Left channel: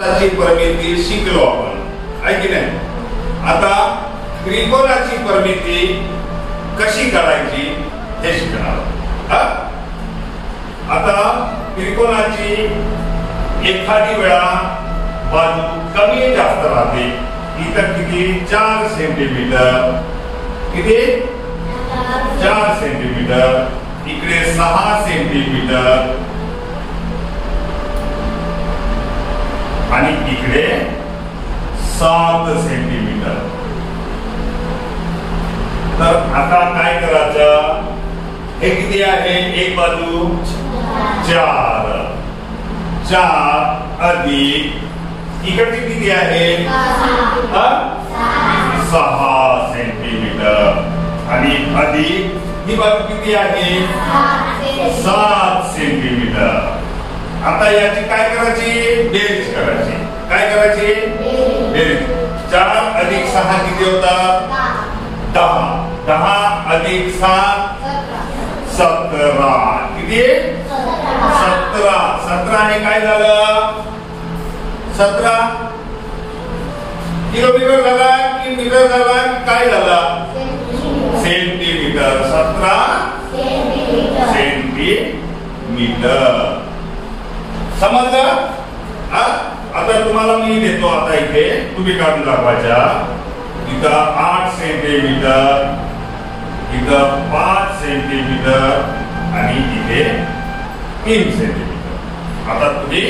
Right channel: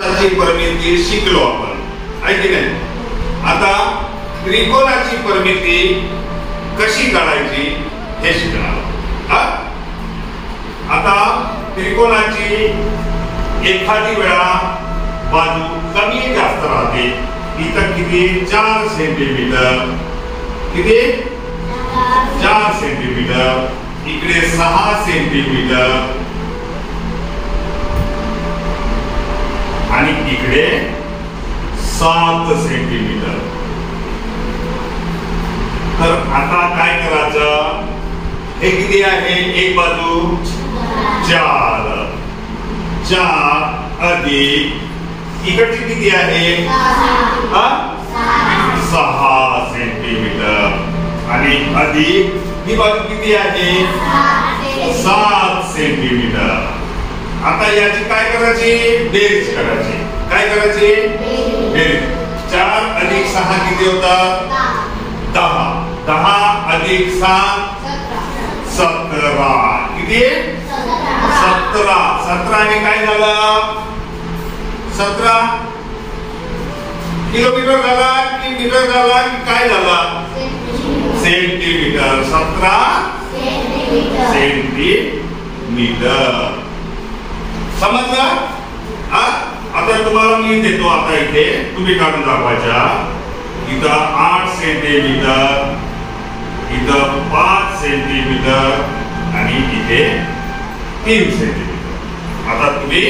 परिमिती शिकलो आपण, आहे की नाही? आता त्रिकोणाची परिमिती कशी काढायची हे शिकणार. आता त्रिकोणाची एखादी वेळा बाजू कमी जास्त राहते. इथं किती? 4 सेंटीमीटर. किती? 4 सेंटीमीटर. इकडे 6 सेंटीमीटर आणि इकडे 7 सेंटीमीटर. तर आता काय करायचं? हे किती आहे? एक बाजू 4 अधिक इकडची किती आहे? 6 सेंटीमीटर आणि अधिक ही बाजू किती आहे? 7 सेंटीमीटर. आता याची काय करायची? बेरीज करायची. काय करायची? बेरीज. 4 अधिक 6 किती होतात? 10. 10 अधिक 7 17. किती? 17. 17 ने काय झालं? 17 किलोमीटर झाला की मीटर झाला की काय झाला? सेंटीमीटर. 17 सेंटीमीटर. समजलं? आता तुम्हाला मी देतो. आता इथे तुम्ही काढून दाखवायच्या. इथं 8 सेंटीमीटर, इथं 5 सेंटीमीटर आणि इथे 3 सेंटीमीटर. आता तुम्ही